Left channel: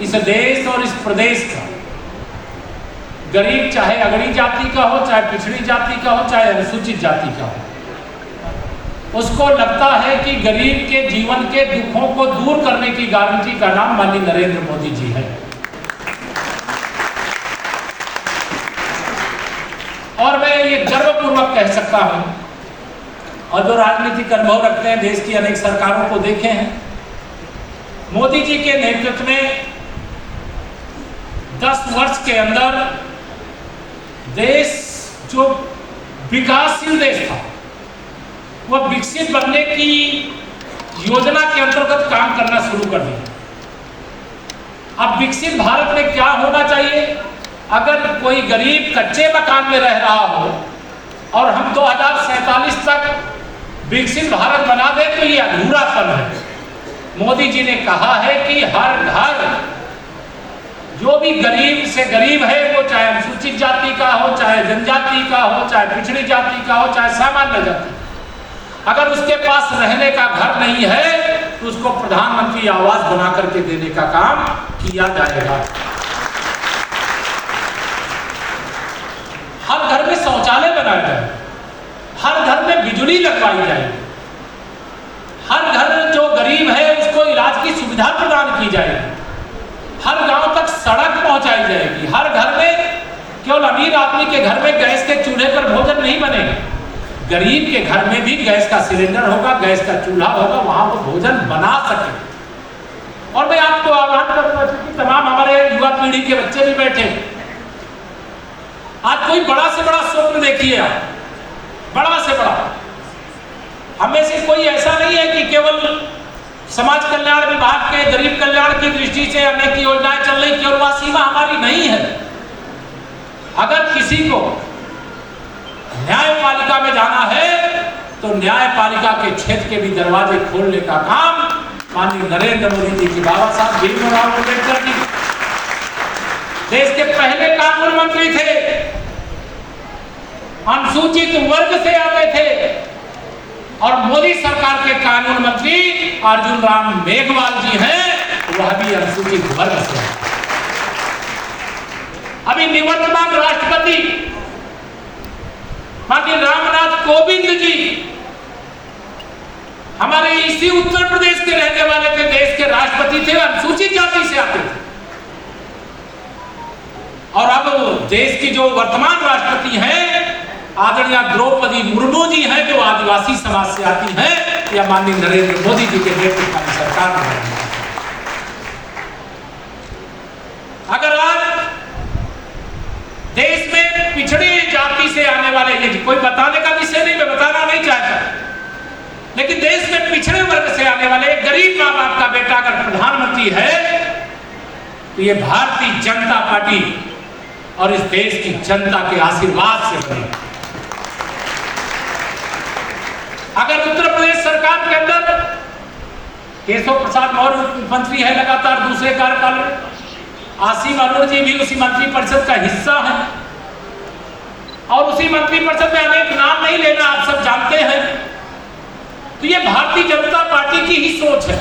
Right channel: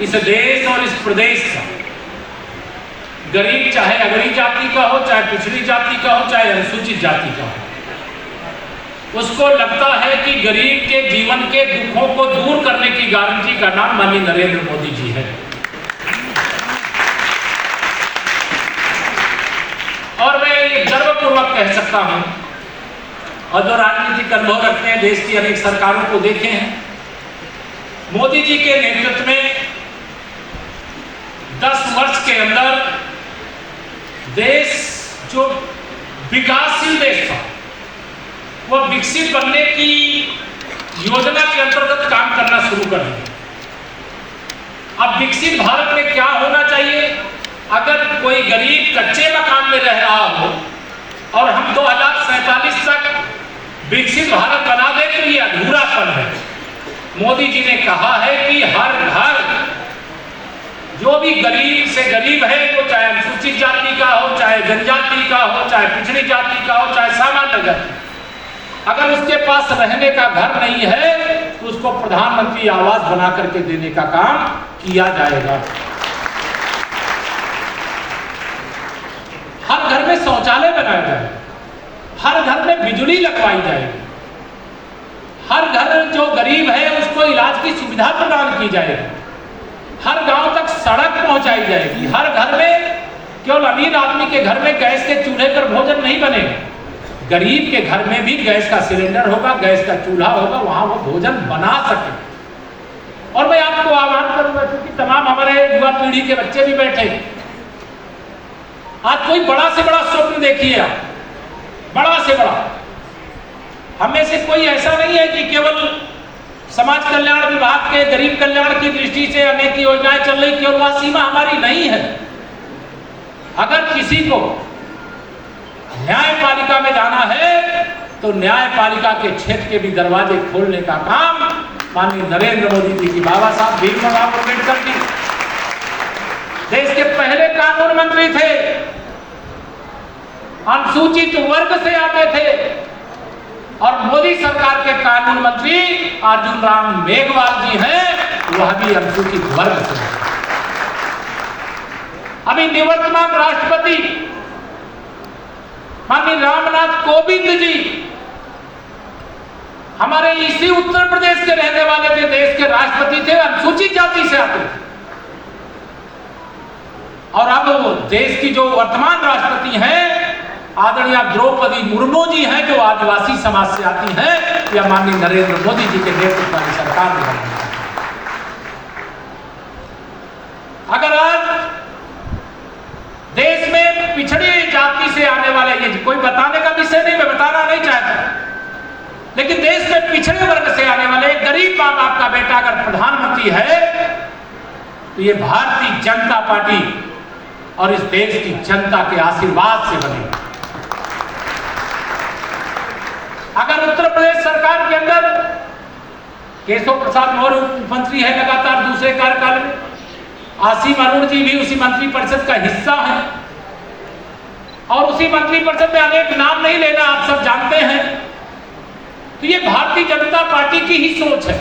इस देश और इस प्रदेश का गरीब चाहे अगड़ी जाति का हो, चाहे पिछड़ी जाति का हो, चाहे अनुसूचित जाति का हो, उसको लगता है कि गरीब के जीवन के दुखों को दूर करने की गारंटी का नाम माननीय नरेंद्र मोदी जी है। और मैं ये गर्वपूर्वक कह सकता हूं, और जो राजनीतिक अनुभव रखते हैं, देश की अनेक सरकारों को देखे हैं, मोदी जी के नेतृत्व में 10 वर्ष के अंदर देश जो विकासशील देश था वो विकसित बनने की योजना के अंतर्गत काम करना शुरू कर दिया। अब विकसित भारत में क्या होना चाहिए? अगर कोई गरीब कच्चे मकान में रह रहा हो और हम 2047 तक विकसित भारत बना दें तो ये अधूरापन है। मोदी जी ने कहा है कि हर घर जो भी गरीब से गरीब है, वो चाहे अनुसूचित जाति का हो, चाहे जनजाति का हो, चाहे पिछड़ी जाति का हो, चाहे सामान्य जाति, अगर उसके पास रहने का घर नहीं है तो उसको प्रधानमंत्री आवास बना करके देने का काम किया जाएगा। हर घर में शौचालय बनाया जाएगा, हर घर में बिजली लगवाई जाएगी, हर घर जो गरीब है उसको इलाज की सुविधा प्रदान की जाएगी, हर गांव तक सड़क पहुंचाई जाएगी, हर घर में केवल अमीर आदमी के घर में गैस के चूल्हे पर भोजन नहीं बनेगा, गरीब के घर में भी गैस का सिलेंडर होगा, गैस का चूल्हा होगा, वहां वो भोजन बना सके। और मैं आपको आह्वान करूंगा कि तमाम हमारे युवा पीढ़ी के बच्चे भी बैठे, आज कोई बड़ा से बड़ा स्वप्न देखिए आप, बड़ा से बड़ा। हमें से कोई ऐसा नहीं है कि केवल समाज कल्याण विभाग के गरीब कल्याण की दृष्टि से अनेक योजनाएं चल रही, केवल वह सीमा हमारी नहीं है। अगर किसी को न्यायपालिका में जाना है तो न्यायपालिका के क्षेत्र के भी दरवाजे खोलने का काम माननीय नरेंद्र मोदी जी की, बाबा साहब भीमराव अम्बेडकर जी देश के पहले कानून मंत्री थे, अनुसूचित वर्ग से आते थे, और मोदी सरकार के कानून मंत्री अर्जुन राम मेघवाल जी हैं, वह भी अनुसूचित वर्ग से। अभी निवर्तमान राष्ट्रपति माननीय रामनाथ कोविंद जी हमारे इसी उत्तर प्रदेश के रहने वाले थे, देश के राष्ट्रपति थे, अनुसूचित जाति से आते थे। और अब देश की जो वर्तमान राष्ट्रपति हैं आदरणीय द्रौपदी मुर्मू जी हैं, जो आदिवासी समाज से आती हैं, या माननीय नरेंद्र मोदी जी के नेतृत्व वाली सरकार में। अगर आज देश में पिछड़ी जाति से आने वाले, ये कोई बताने का विषय नहीं, मैं बताना नहीं चाहता, लेकिन देश में पिछड़े वर्ग से आने वाले गरीब माँ बाप का बेटा अगर प्रधानमंत्री है तो ये भारतीय जनता पार्टी और इस देश की जनता के आशीर्वाद से बने। अगर उत्तर प्रदेश सरकार के अंदर केशव प्रसाद मौर्य मुख्यमंत्री है लगातार दूसरे कार्यकाल में, आसिम अरुण जी भी उसी मंत्रिपरिषद का हिस्सा है, और उसी मंत्रिपरिषद में अनेक नाम नहीं लेना, आप सब जानते हैं, तो ये भारतीय जनता पार्टी की ही सोच है।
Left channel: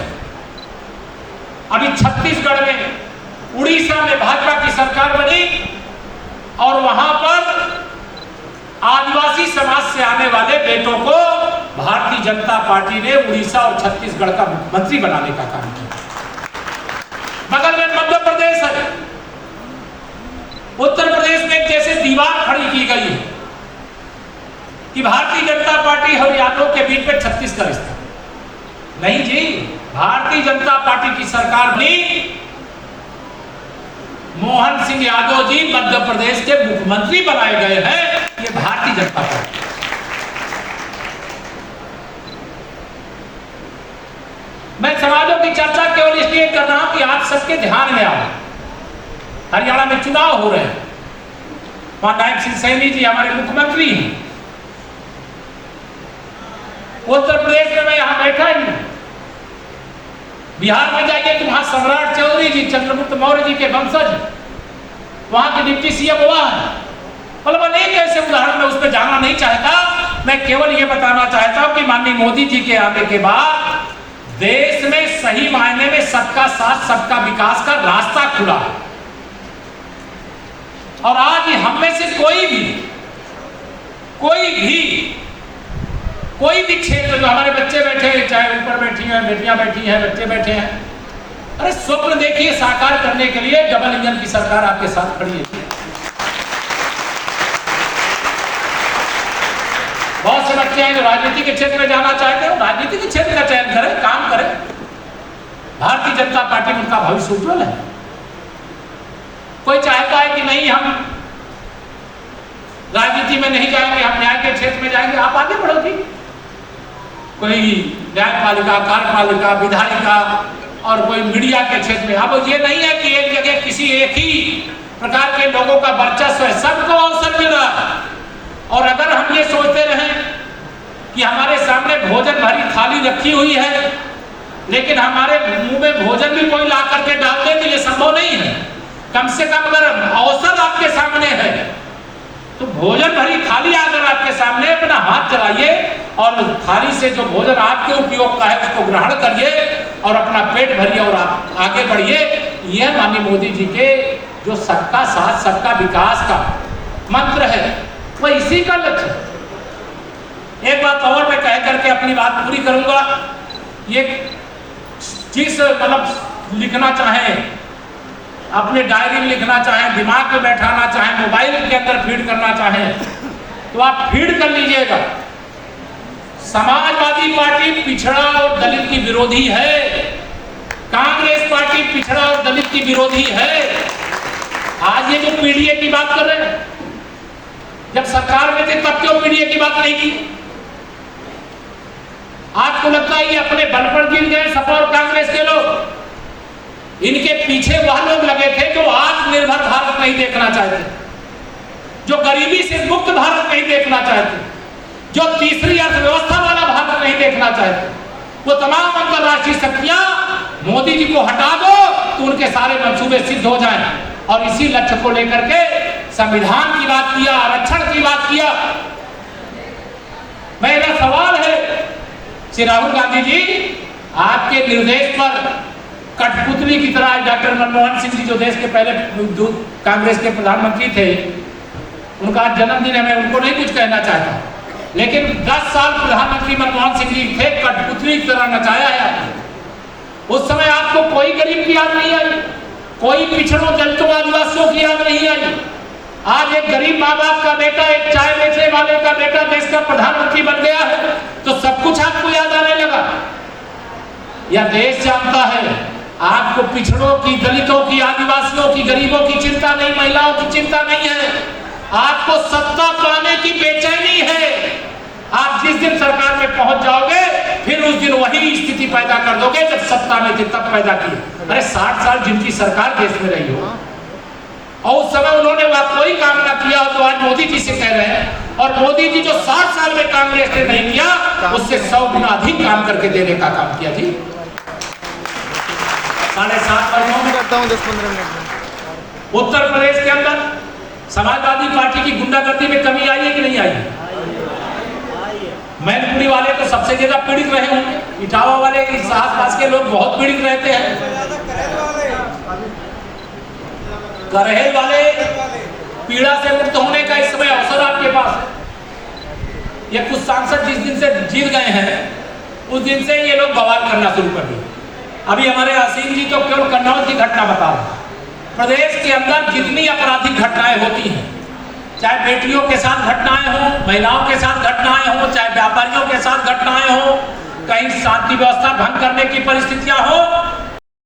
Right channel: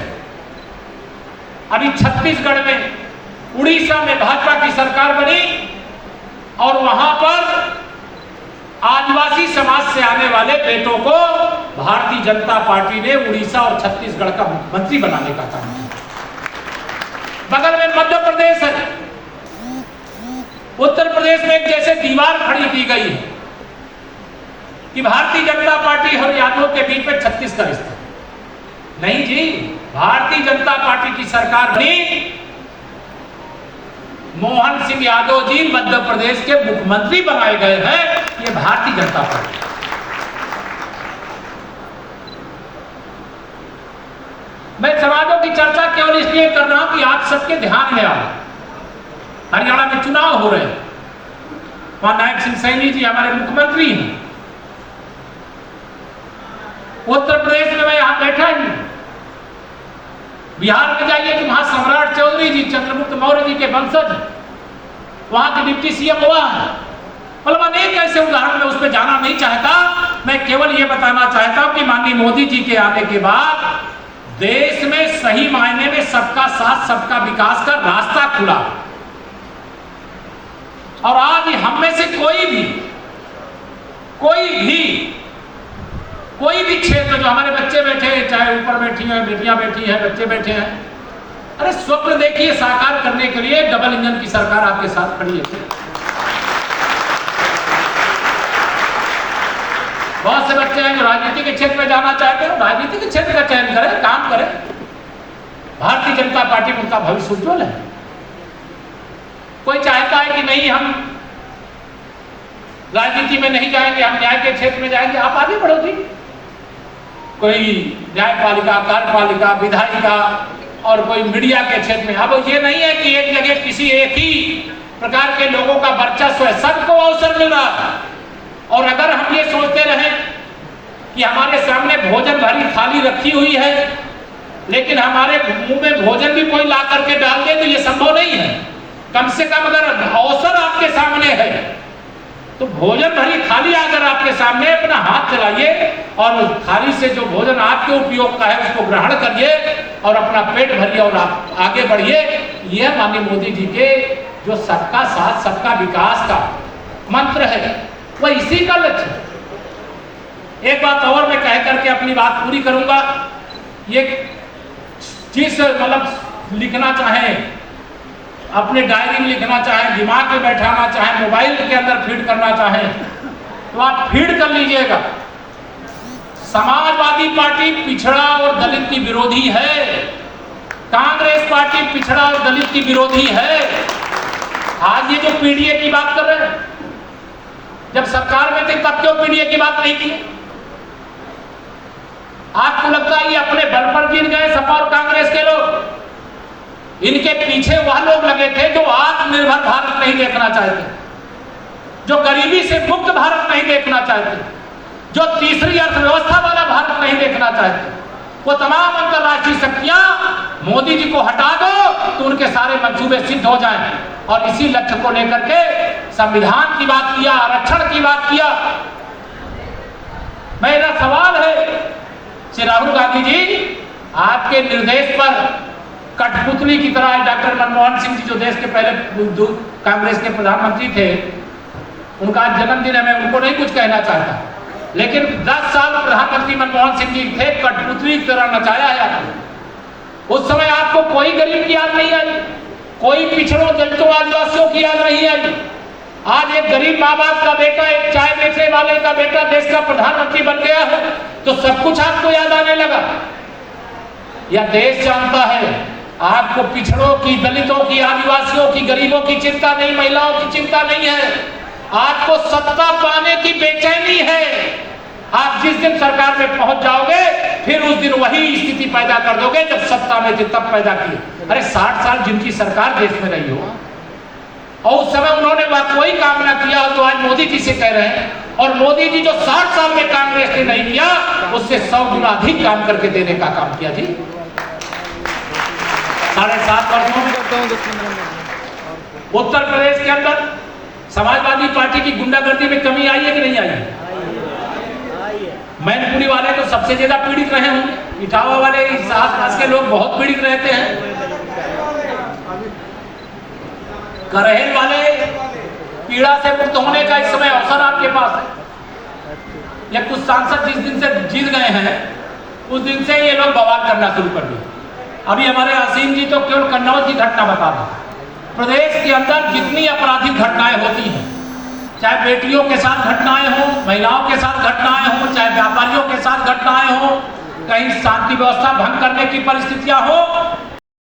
अभी छत्तीसगढ़ में, उड़ीसा में भाजपा की सरकार बनी और वहां पर आदिवासी समाज से आने वाले बेटों को भारतीय जनता पार्टी ने उड़ीसा और छत्तीसगढ़ का मुख्यमंत्री बनाने का काम किया। बगल में मध्य प्रदेश है, उत्तर प्रदेश में जैसे दीवार खड़ी की गई है कि भारतीय जनता पार्टी और यादव के बीच में 36 का रिश्ता। नहीं जी, भारतीय जनता पार्टी की सरकार बनी, मोहन सिंह यादव जी मध्य प्रदेश के मुख्यमंत्री बनाए गए हैं, ये भारतीय जनता पार्टी। मैं समाजों की चर्चा केवल इसलिए कर रहा हूं कि आज सबके ध्यान में आए, हरियाणा में चुनाव हो रहे हैं, वहां नायब सिंह सैनी जी हमारे मुख्यमंत्री हैं, उत्तर प्रदेश में मैं यहां बैठा ही हूं, बिहार में जाइए तो वहां सम्राट चौधरी जी, चंद्रगुप्त मौर्य जी के वंशज, वहां के डिप्टी सीएम हुआ है। मतलब अनेक ऐसे उदाहरण में उसमें जाना नहीं चाहता, मैं केवल ये बताना चाहता हूं कि माननीय मोदी जी के आने के बाद देश में सही मायने में सबका साथ सबका विकास विकास का रास्ता खुला। और आज हम में से कोई भी क्षेत्र जो हमारे बच्चे बैठे हैं, चाहे ऊपर बैठी हैं, बेटियां बैठी हैं, बच्चे बैठे हैं, अरे स्वप्न देखिए साकार करने के लिए डबल इंजन की सरकार आपके साथ खड़ी है। बहुत से बच्चे हैं जो राजनीति के क्षेत्र में जाना चाहते हैं, राजनीति के क्षेत्र का चयन करें, काम करें। भारतीय जनता पार्टी में उनका भविष्य उज्ज्वल है। कोई चाहता है कि नहीं हम राजनीति में नहीं जाएंगे, हम न्याय के क्षेत्र में जाएंगे, आप आगे बढ़ो जी। कोई न्यायपालिका, कार्यपालिका, विधायिका और कोई मीडिया के क्षेत्र में। अब ये नहीं है कि एक जगह किसी एक ही प्रकार के लोगों का वर्चस्व है, सबको अवसर मिल रहा है। और अगर हम ये सोचते रहें कि हमारे सामने भोजन भरी थाली रखी हुई है लेकिन हमारे मुंह में भोजन भी कोई ला करके डाल दे, तो ये संभव नहीं है। कम से कम अगर अवसर आपके सामने है तो भोजन भरी थाली अगर आपके सामने, अपना हाथ चलाइए और थाली से जो भोजन आपके उपयोग का है उसको ग्रहण करिए और अपना पेट भरिए और आप आगे बढ़िए। यह माननीय मोदी जी के जो सबका साथ सबका विकास का मंत्र है, वह इसी का लक्ष्य है। एक बात और मैं कह करके अपनी बात पूरी करूंगा। ये जिस मतलब लिखना चाहें, अपने डायरी में लिखना चाहें, दिमाग में बैठाना चाहें, मोबाइल के अंदर फीड करना चाहें, तो आप फीड कर लीजिएगा। समाजवादी पार्टी पिछड़ा और दलित की विरोधी है, कांग्रेस पार्टी पिछड़ा और दलित की विरोधी है। आज ये जो पीडीए की बात कर रहे हैं, जब सरकार में थे तब क्यों पीडीए की बात नहीं की? आपको लगता है ये अपने बल पर गिर गए सपा और कांग्रेस के लोग? इनके पीछे वह लोग लगे थे जो आत्मनिर्भर भारत नहीं देखना चाहते, जो गरीबी से मुक्त भारत नहीं देखना चाहते, जो तीसरी अर्थव्यवस्था वाला भारत नहीं देखना चाहते। वो तमाम अंतरराष्ट्रीय शक्तियां मोदी जी को हटा दो तो उनके सारे मंसूबे सिद्ध हो जाएं। और इसी लक्ष्य को लेकर के संविधान की बात किया, आरक्षण की बात किया। मेरा सवाल है श्री राहुल गांधी जी, आपके निर्देश पर कठपुतली की तरह डॉक्टर मनमोहन सिंह जी जो देश के पहले कांग्रेस के प्रधानमंत्री थे, उनका आज जन्मदिन है, मैं उनको नहीं कुछ कहना चाहता, लेकिन 10 साल प्रधानमंत्री मनमोहन सिंह जी थे, कठपुतली की तरह नचाया है आपने। उस समय आपको कोई गरीब की याद नहीं आई, कोई पिछड़ों दलितों आदिवासियों की याद नहीं आई। आज एक गरीब माँ बाप का बेटा, एक चाय बेचने वाले का बेटा देश का प्रधानमंत्री बन गया है तो सब कुछ आपको याद आने लगा। यह देश जानता है आपको पिछड़ों की, दलितों की, आदिवासियों की, गरीबों की चिंता नहीं, महिलाओं की चिंता नहीं है। आपको सत्ता पाने की बेचैनी है। आप जिस दिन सरकार में पहुंच जाओगे फिर उस दिन वही स्थिति पैदा कर दोगे जब सत्ता में थे तब पैदा की। अरे 60 साल जिनकी सरकार देश में रही हो और उस समय उन्होंने वह कोई काम ना किया हो तो आज मोदी जी से कह रहे हैं। और मोदी जी जो 60 साल में कांग्रेस ने नहीं किया उससे 100 गुना अधिक काम करके देने का काम किया थी। 7.5 वर्षों में उत्तर प्रदेश के अंदर समाजवादी पार्टी की गुंडागर्दी में कमी आई है कि नहीं आई? मैनपुरी वाले तो सबसे ज्यादा पीड़ित रहे होंगे, इटावा वाले इस आसपास के लोग बहुत पीड़ित रहते हैं, करहेल वाले पीड़ा से मुक्त होने का इस समय अवसर आपके पास है। ये कुछ सांसद जिस दिन से जीत गए हैं उस दिन से ये लोग बवाल करना शुरू कर दिए। अभी हमारे असीम जी तो केवल कन्नौज की घटना बता रहे हैं। प्रदेश के अंदर जितनी आपराधिक घटनाएं होती हैं, चाहे बेटियों के साथ घटनाएं हो, महिलाओं के साथ घटनाएं हो, चाहे व्यापारियों के साथ घटनाएं हो, कहीं शांति व्यवस्था भंग करने की परिस्थितियां हो,